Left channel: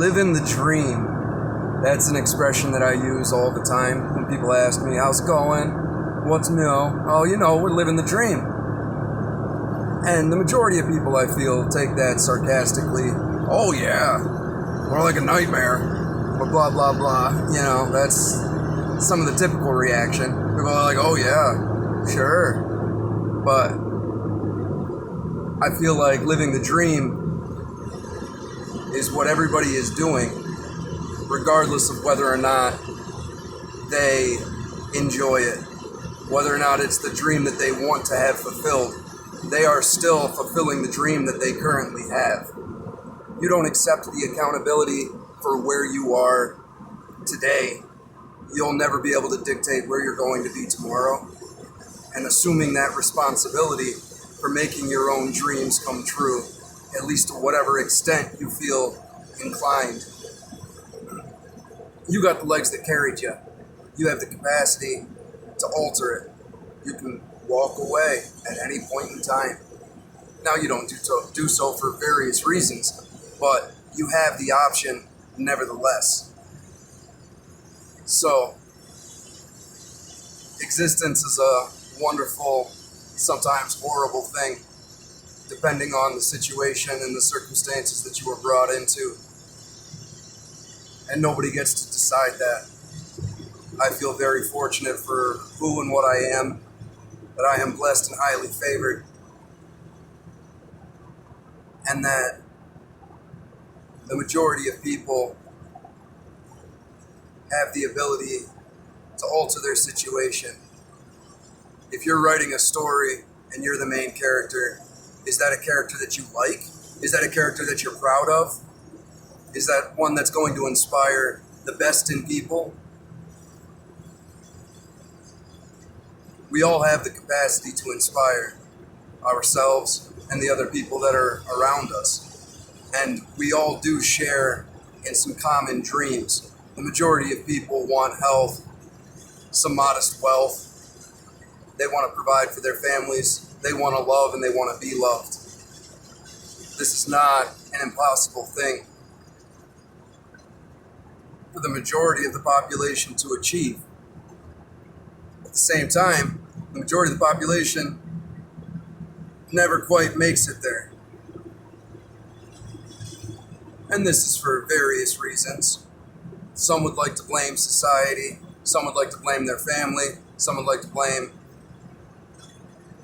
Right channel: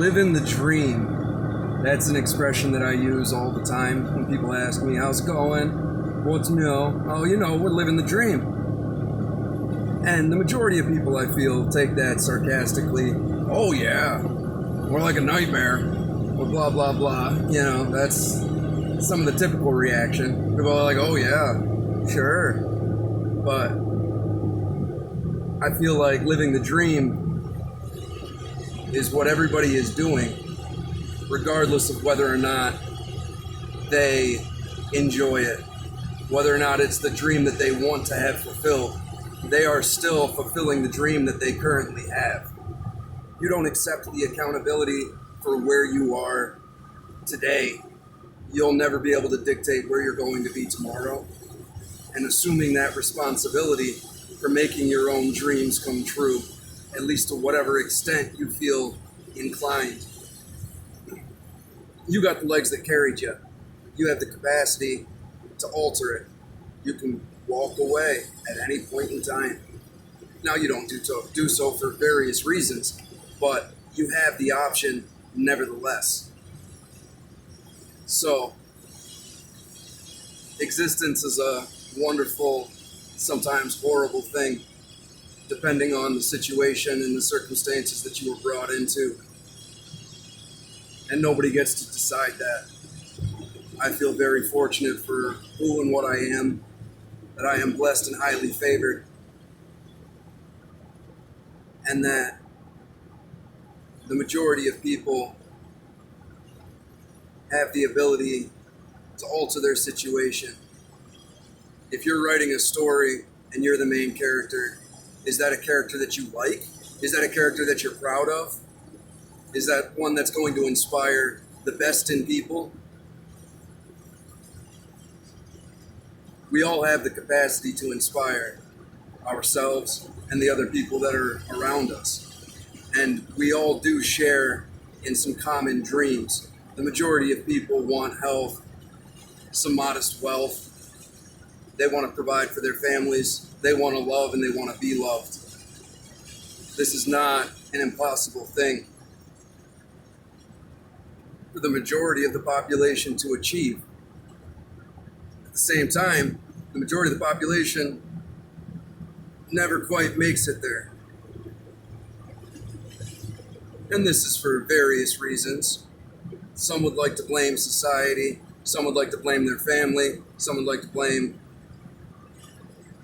Living the dream. That's an expression that I use all the time when people ask me, how's it going? What's new? Oh, we're living the dream. And the majority of people, I feel, take that sarcastically. Oh, yeah, more like a nightmare. Or blah, blah, blah. That's some of the typical reaction. People are like, oh, yeah, sure. But I feel like living the dream is what everybody is doing, regardless of whether or not they enjoy it, whether or not it's the dream that they want to have fulfilled. They are still fulfilling the dream that they currently have. You don't accept the accountability for where you are today, you'll never be able to dictate where you're going to be tomorrow. And assuming that responsibility for making your own dreams come true, at least to whatever extent you feel inclined. You got the legs that carried you. You have the capacity to alter it. You can walk away at any point in time. Now you don't do so for various reasons, but you have the option nevertheless. So, existence is a wonderful, sometimes horrible thing, depending on the situation and the circumstances that you were brought into. And nobody gets to decide that. I feel very fortunate for who and what I am, that I am blessed and highly favored, and that the majority of people have the ability to alter their situation. If you're writing a story and you're the main character, is that a character that you like? Is that a character that you're proud of? Is that one that's going to inspire the best in people? We all have the capacity to inspire ourselves and the other people that are around us. And we all do share in some common dreams. The majority of people want health, some modest wealth. They want to provide for their families. They want to love and they want to be loved. This is not an impossible thing for the majority of the population to achieve. At the same time, the majority of the population never quite makes it there. And this is for various reasons. Some would like to blame society. Some would like to blame their family. Some would like to blame...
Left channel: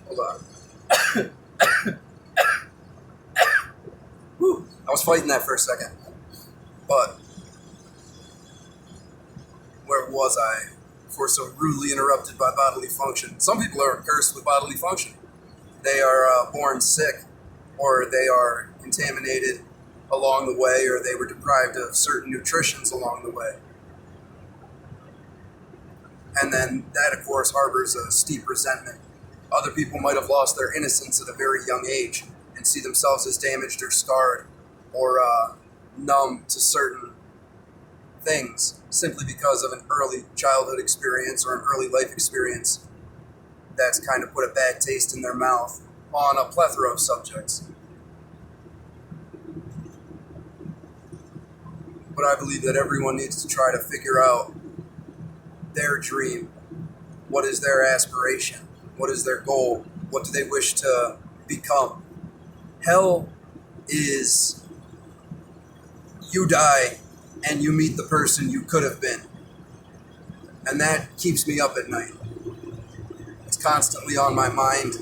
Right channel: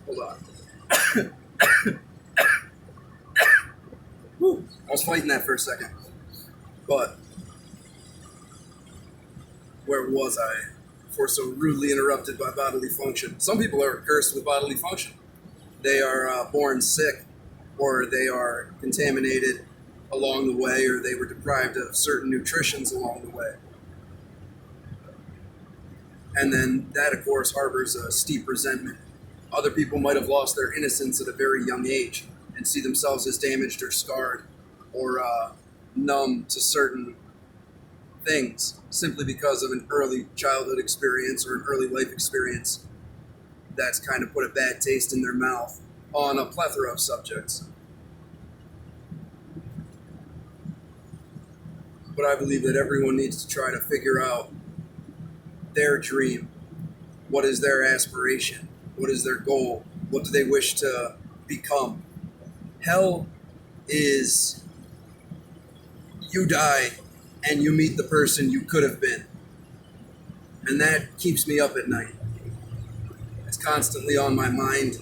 Hold on. Whew, I was fighting that for a second. But where was I before so rudely interrupted by bodily function? Some people are cursed with bodily function. They are born sick, or they are contaminated along the way, or they were deprived of certain nutritions along the way. And then that, of course, harbors a steep resentment. Other people might have lost their innocence at a very young age and see themselves as damaged or scarred or numb to certain things simply because of an early childhood experience or an early life experience that's kind of put a bad taste in their mouth on a plethora of subjects. But I believe that everyone needs to try to figure out their dream. What is their aspiration? What is their goal? What do they wish to become? Hell is you die and you meet the person you could have been. And that keeps me up at night. It's constantly on my mind.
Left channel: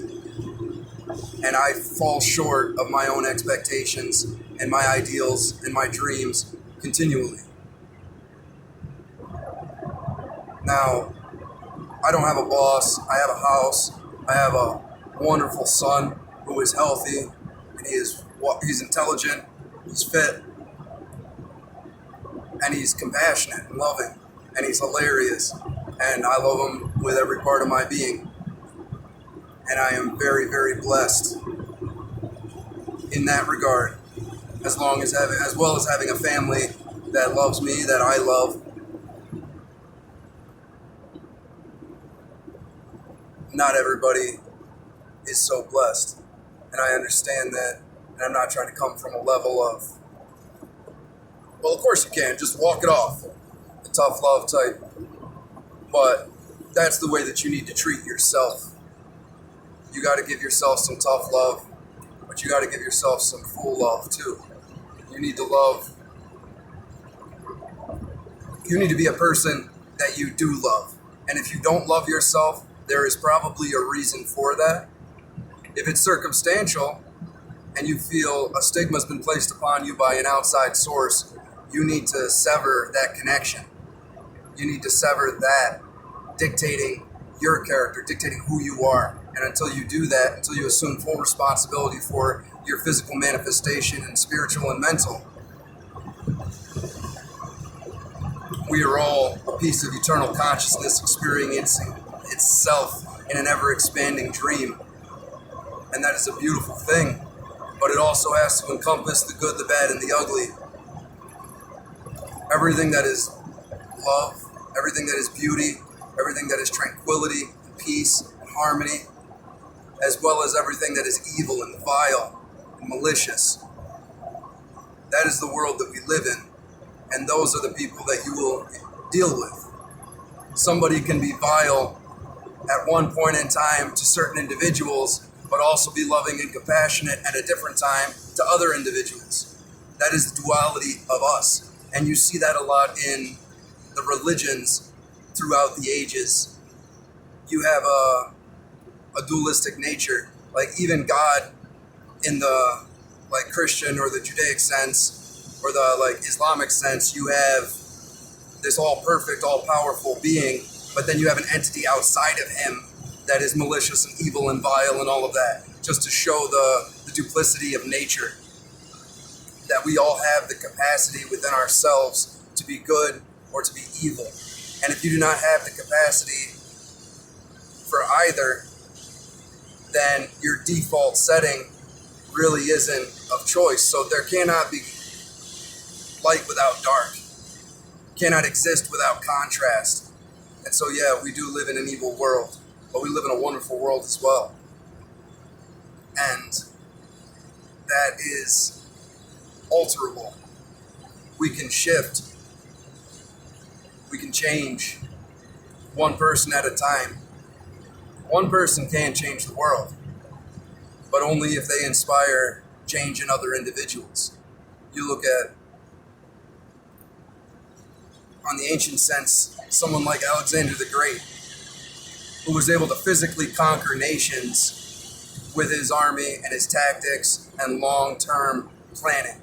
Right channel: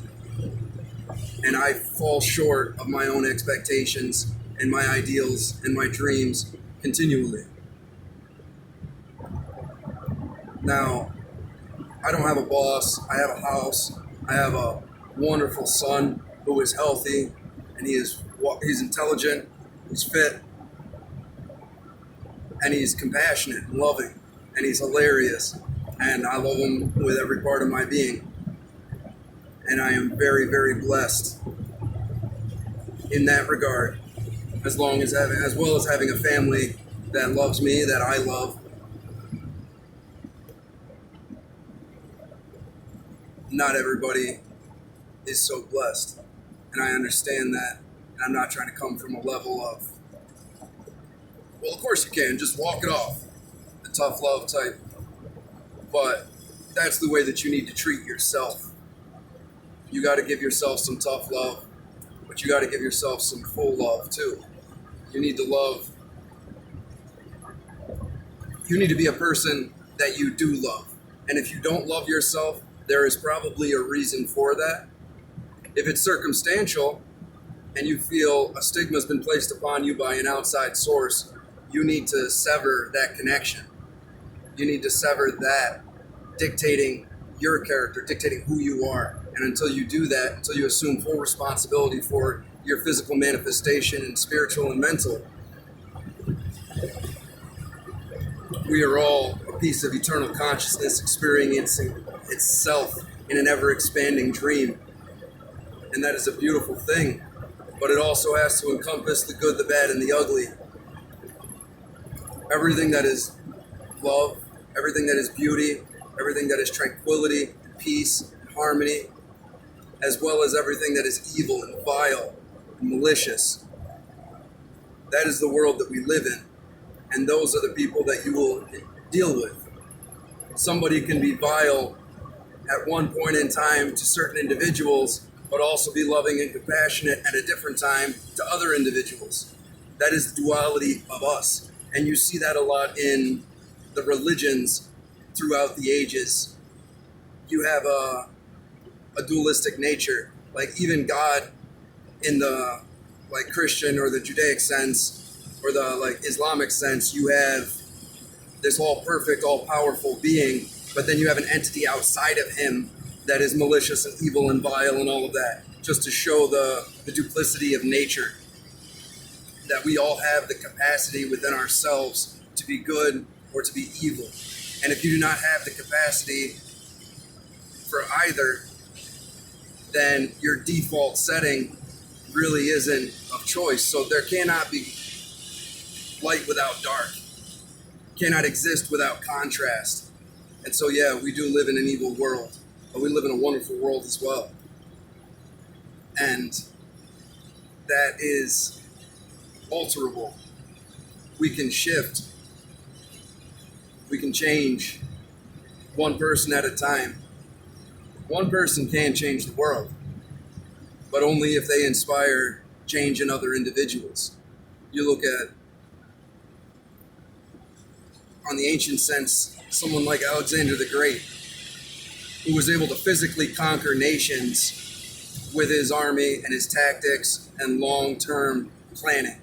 And I fall short of my own expectations and my ideals and my dreams continually. Now, I don't have a boss. I have a house. I have a wonderful son who is healthy, and he's intelligent, he's fit, and he's compassionate and loving, and he's hilarious, and I love him with every part of my being. And I am very, very blessed in that regard, as well as having a family that loves me, that I love. Not everybody is so blessed, and I understand that, and I'm not trying to come from a level of Well, of course you can. Just walk it off. The tough love type. But that's the way that you need to treat yourself. You got to give yourself some tough love, but you got to give yourself some full love too. You need to love. You need to be a person that you do love. And if you don't love yourself, there is probably a reason for that. If it's circumstantial and you feel a stigma has been placed upon you by an outside source, you need to sever that connection. You need to sever that dictating your character, dictating who you are. And until you do that, until you assume full responsibility for your physical manifestation and spiritual and mental, we are all a piece of eternal consciousness experiencing itself in an ever-expanding dream. And that is a beautiful thing. But it also has to encompass the good, the bad, and the ugly. Everything that is love, everything that is beauty, everything that is tranquility, and peace, and harmony, as well as everything that is evil and vile and malicious. That is the world that we live in. And those are the people that you will deal with. Somebody can be vile at one point in time to certain individuals, but also be loving and compassionate at a different time to other individuals. That is the duality of us. And you see that a lot in the religions throughout the ages. You have a dualistic nature. Like even God in the like Christian or the Judaic sense, or the like Islamic sense, you have this all perfect, all powerful being, but then you have an entity outside of him that is malicious and evil and vile and all of that, just to show the duplicity of nature, that we all have the capacity within ourselves to be good or to be evil. And if you do not have the capacity for either, then your default setting really isn't of choice. So there cannot be light without dark, cannot exist without contrast. And so, yeah, we do live in an evil world, but we live in a wonderful world as well. And that is alterable. We can shift. We can change one person at a time. One person can change the world, but only if they inspire change in other individuals. You look at, on the ancient sense, someone like Alexander the Great, who was able to physically conquer nations with his army and his tactics and long-term planning.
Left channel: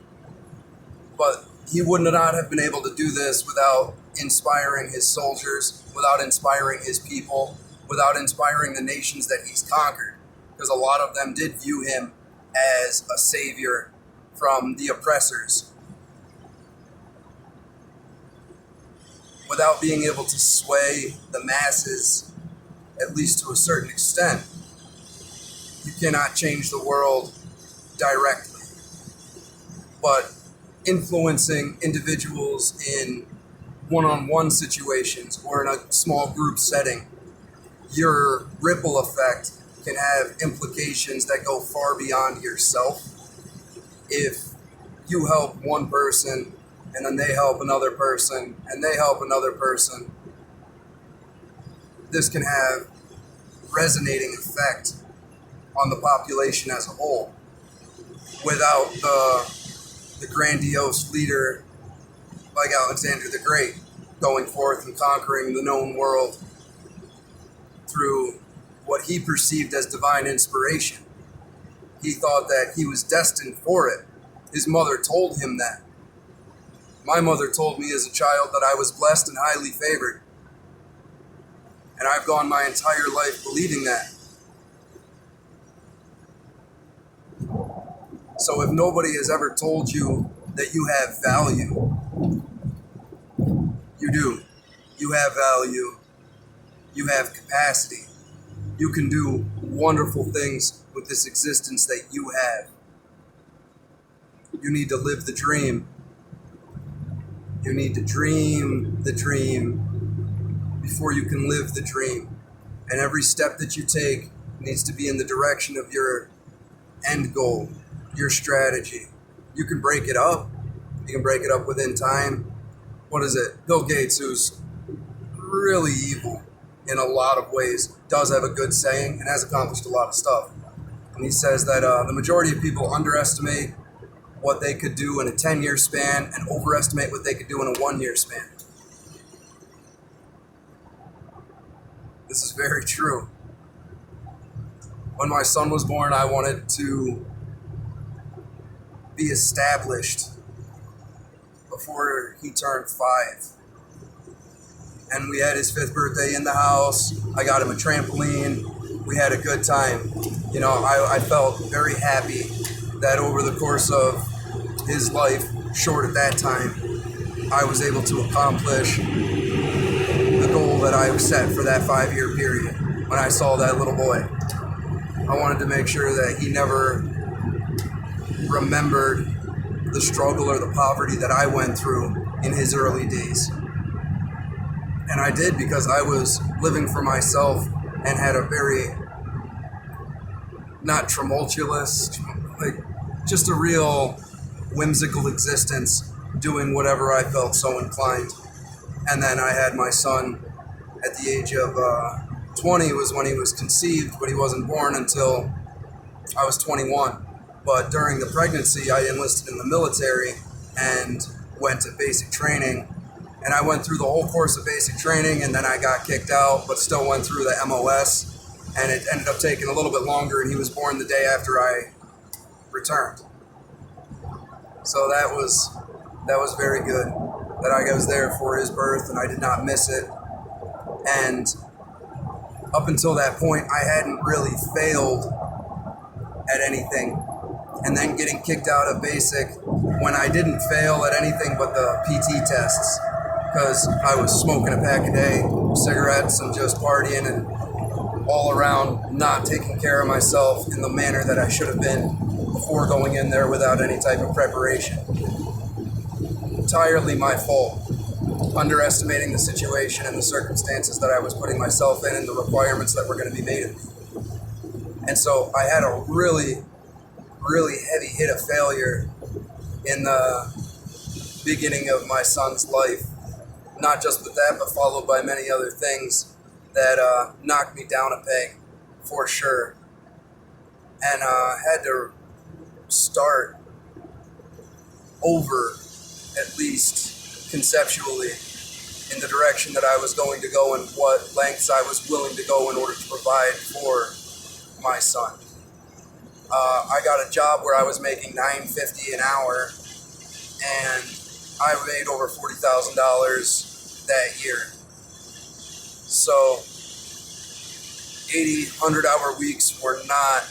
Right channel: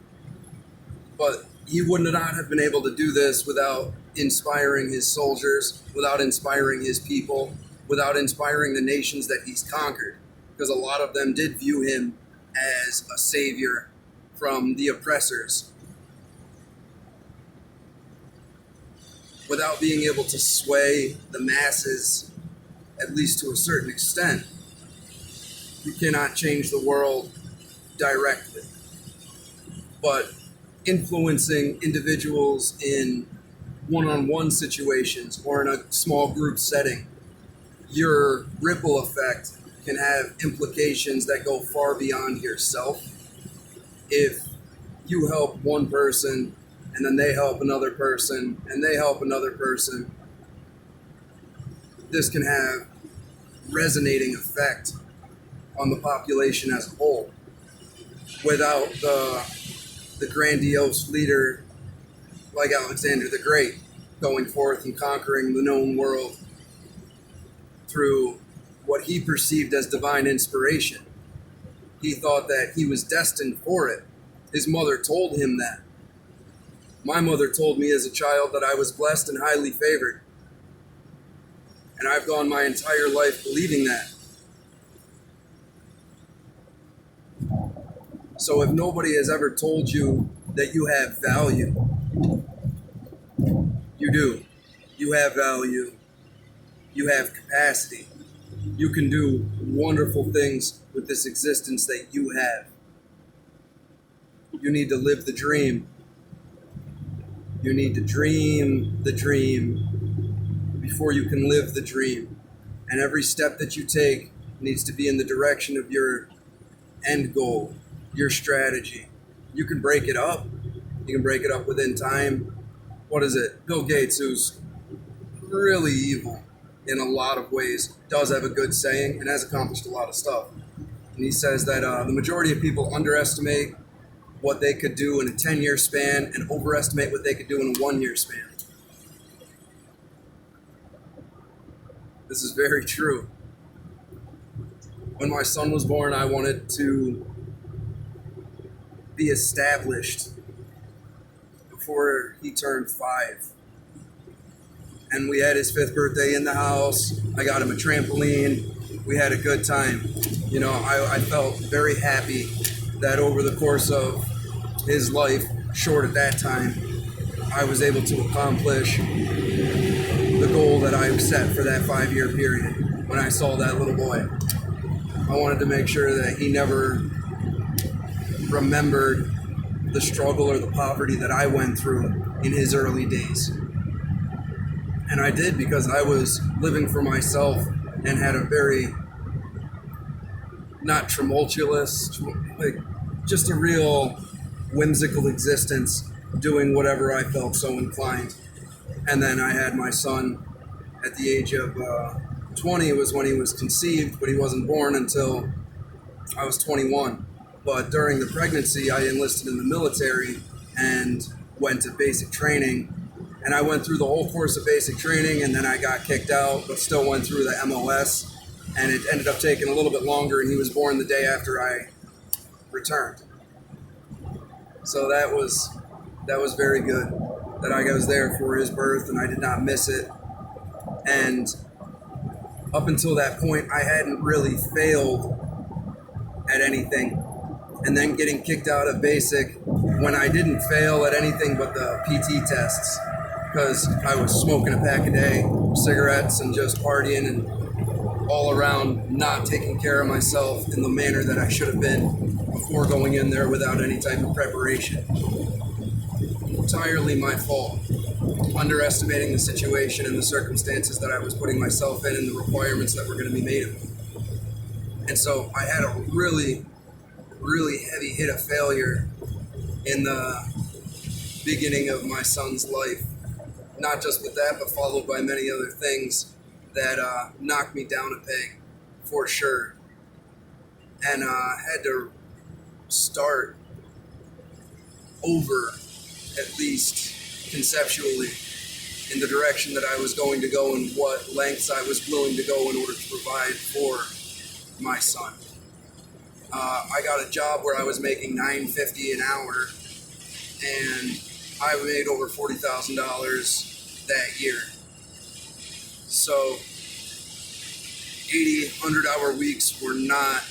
But he would not have been able to do this without inspiring his soldiers, without inspiring his people, without inspiring the nations that he's conquered, because a lot of them did view him as a savior from the oppressors. Without being able to sway the masses, at least to a certain extent, you cannot change the world directly. But influencing individuals in one-on-one situations or in a small group setting, your ripple effect can have implications that go far beyond yourself. If you help one person and then they help another person and they help another person, this can have resonating effect on the population as a whole without the grandiose leader like Alexander the Great going forth and conquering the known world through what he perceived as divine inspiration. He thought that he was destined for it. His mother told him that. My mother told me as a child that I was blessed and highly favored. And I've gone my entire life believing that. So if nobody has ever told you that you have value, you do. You have value. You have capacity. You can do wonderful things with this existence that you have. You need to live the dream. You need to dream the dream before you can live the dream. And every step that you take needs to be in the direction of your end goal, your strategy. You can break it up. You can break it up within time. What is it? Bill Gates, who's really evil in a lot of ways, does have a good saying and has accomplished a lot of stuff. And he says that the majority of people underestimate what they could do in a 10-year span and overestimate what they could do in a 1-year span. This is very true. When my son was born, I wanted to be established before he turned 5. And we had his 5th birthday in the house. I got him a trampoline. We had a good time. You know, I felt very happy that over the course of his life, short at that time, I was able to accomplish the goal that I set for that 5-year period when I saw that little boy. I wanted to make sure that he never remembered the struggle or the poverty that I went through in his early days. And I did, because I was living for myself and had a very, not tumultuous, like just a real whimsical existence, doing whatever I felt so inclined. And then I had my son at the age of 20 was when he was conceived, but he wasn't born until I was 21. But during the pregnancy, I enlisted in the military and went to basic training. And I went through the whole course of basic training, and then I got kicked out, but still went through the MOS. And it ended up taking a little bit longer, and he was born the day after I returned. So that was very good, that I was there for his birth and I did not miss it. And up until that point, I hadn't really failed at anything. And then getting kicked out of basic when I didn't fail at anything but the PT tests, because I was smoking a pack a day, cigarettes, and just partying and all around not taking care of myself in the manner that I should have been before going in there without any type of preparation. Entirely my fault. Underestimating the situation and the circumstances that I was putting myself in and the requirements that were going to be made of me. And so I had a really, really heavy hit of failure in the beginning of my son's life. Not just with that, but followed by many other things that knocked me down a peg, for sure. And had to start over, at least conceptually, in the direction that I was going to go and what lengths I was willing to go in order to provide for my son. I got a job where I was making $9.50 an hour, and I made over $40,000 that year. So 80, 100-hour weeks were not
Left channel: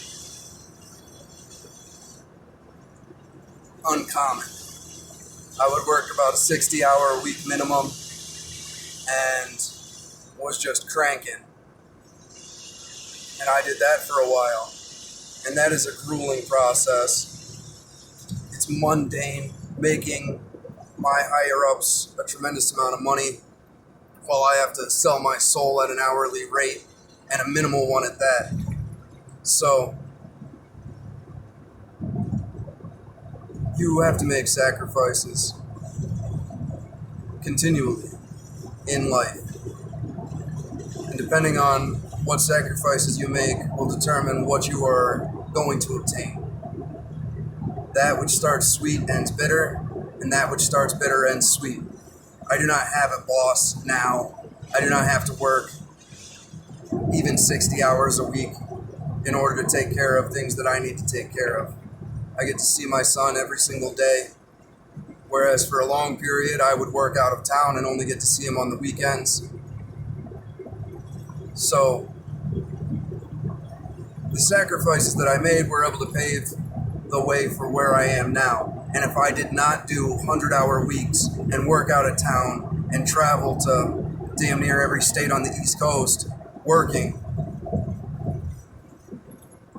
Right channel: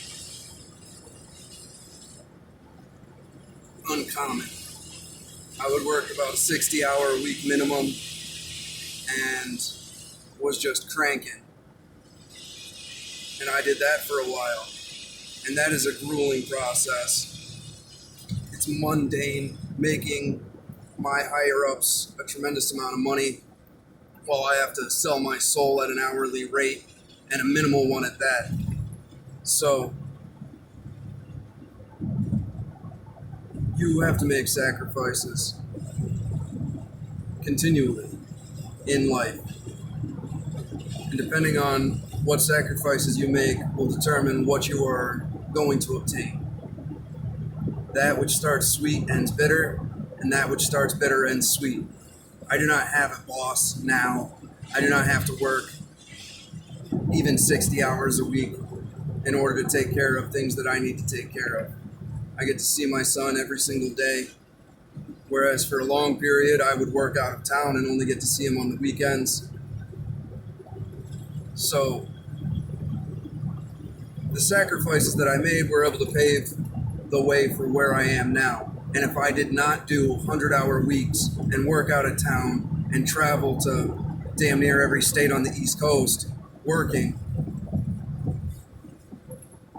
uncommon. I would work about a 60-hour a week minimum and was just cranking. And I did that for a while. And that is a grueling process. It's mundane, making my higher-ups a tremendous amount of money while I have to sell my soul at an hourly rate, and a minimal one at that. So you have to make sacrifices continually in life. And depending on what sacrifices you make will determine what you are going to obtain. That which starts sweet ends bitter, and that which starts bitter ends sweet. I do not have a boss now. I do not have to work even 60 hours a week in order to take care of things that I need to take care of. I get to see my son every single day, whereas for a long period I would work out of town and only get to see him on the weekends. So the sacrifices that I made were able to pave the way for where I am now. And if I did not do 100-hour weeks and work out of town and travel to damn near every state on the East Coast working,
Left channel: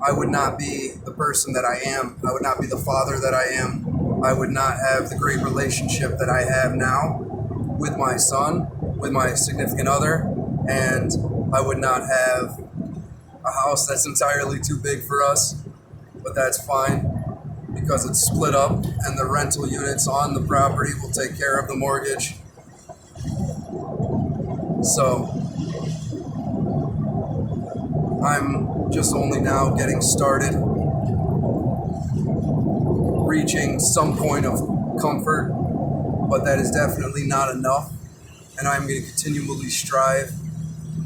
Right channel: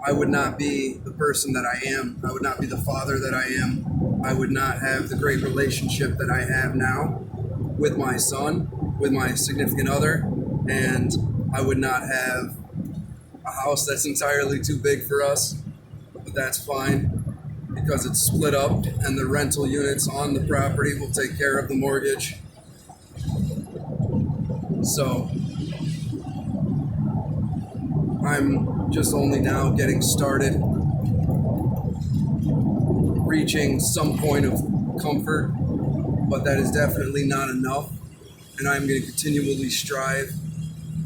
I would not be the person that I am. I would not be the father that I am. I would not have the great relationship that I have now with my son, with my significant other, and I would not have a house that's entirely too big for us, but that's fine. because it's split up and the rental units on the property will take care of the mortgage. So I'm just only now getting started, reaching some point of comfort, but that is definitely not enough, and I'm going to continually strive.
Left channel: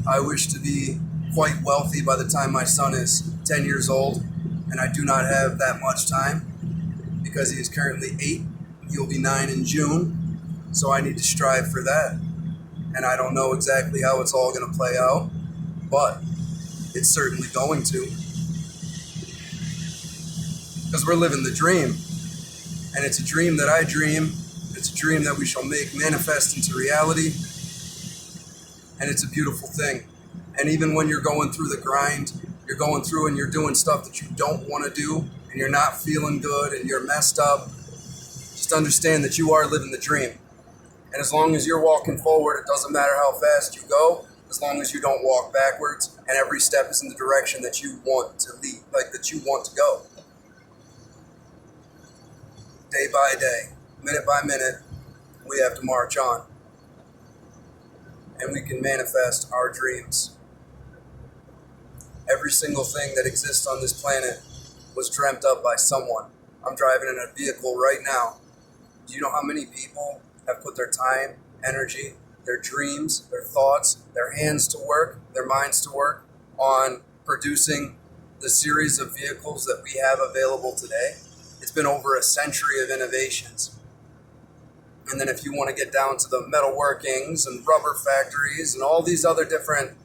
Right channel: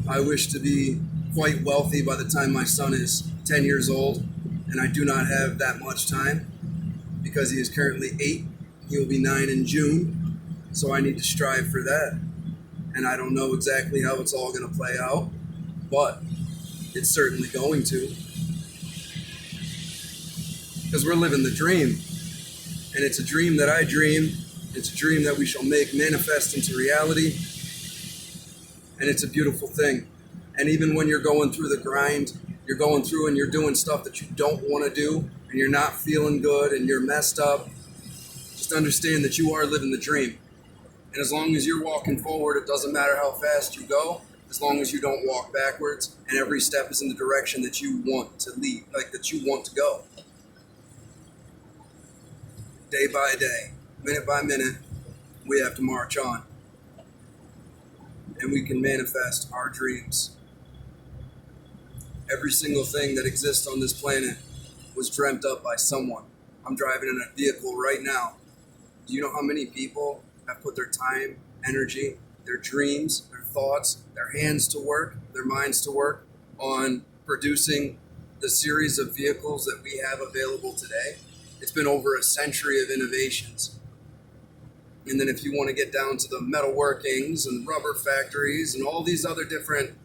I wish to be quite wealthy by the time my son is 10 years old, and I do not have that much time because he is currently 8. He will be 9 in June, so I need to strive for that. And I don't know exactly how it's all going to play out, but it's certainly going to. Because we're living the dream. And it's a dream that I dream. It's a dream that we shall make manifest into reality. And it's a beautiful thing. And even when you're going through the grind, you're going through and you're doing stuff that you don't want to do, and you're not feeling good and you're messed up, just understand that you are living the dream. And as long as you're walking forward, it doesn't matter how fast you go, as long as you don't walk backwards and every step is in the direction that you want to lead, like that you want to go. Day by day, minute by minute, we have to march on. And we can manifest our dreams. Every single thing that exists on this planet was dreamt up by someone. I'm driving in a vehicle right now. Do you know how many people have put their time, energy, their dreams, their thoughts, their hands to work, their minds to work on producing the series of vehicles that we have available today? It's been over a century of innovations. And then if you want to get down to the metalworkings and rubber factories and all these other different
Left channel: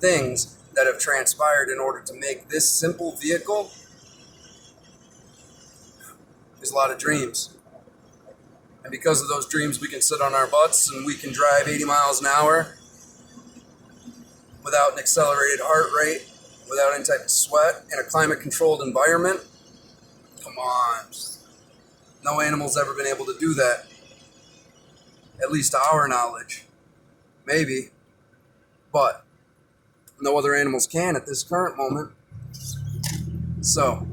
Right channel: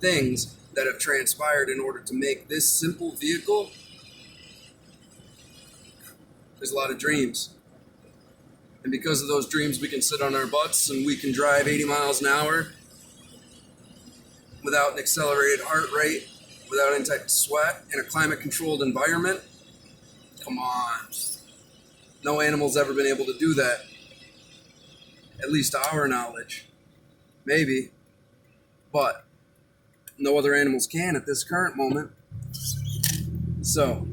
things that have transpired in order to make this simple vehicle, there's a lot of dreams. And because of those dreams, we can sit on our butts and we can drive 80 miles an hour without an accelerated heart rate, without any type of sweat, in a climate-controlled environment. Come on. No animal's ever been able to do that. At least to our knowledge. Maybe. But no other animals can at this current moment. So,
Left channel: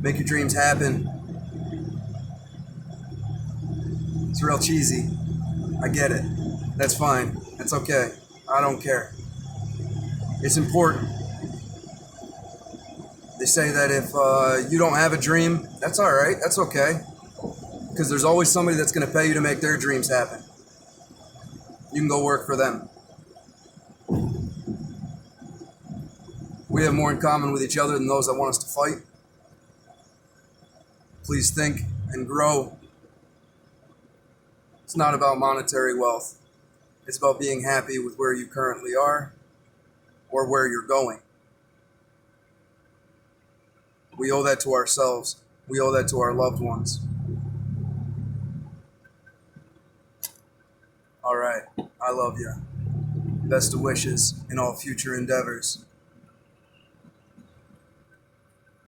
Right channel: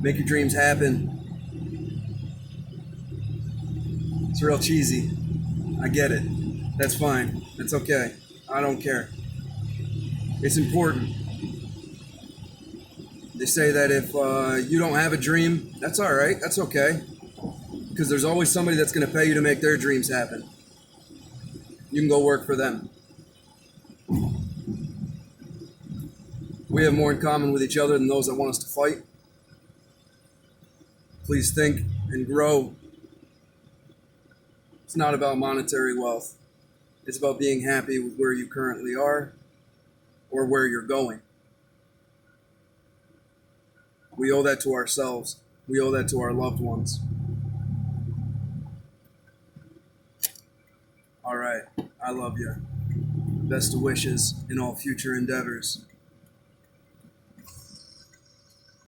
make your dreams happen. It's real cheesy. I get it. That's fine. That's okay. I don't care. It's important. They say that if you don't have a dream, that's all right. That's okay. Because there's always somebody that's going to pay you to make their dreams happen. You can go work for them. We have more in common with each other than those that want us to fight. Please think and grow. It's not about monetary wealth. It's about being happy with where you currently are or where you're going. We owe that to ourselves. We owe that to our loved ones. All right. I love you. Best of wishes in all future endeavors.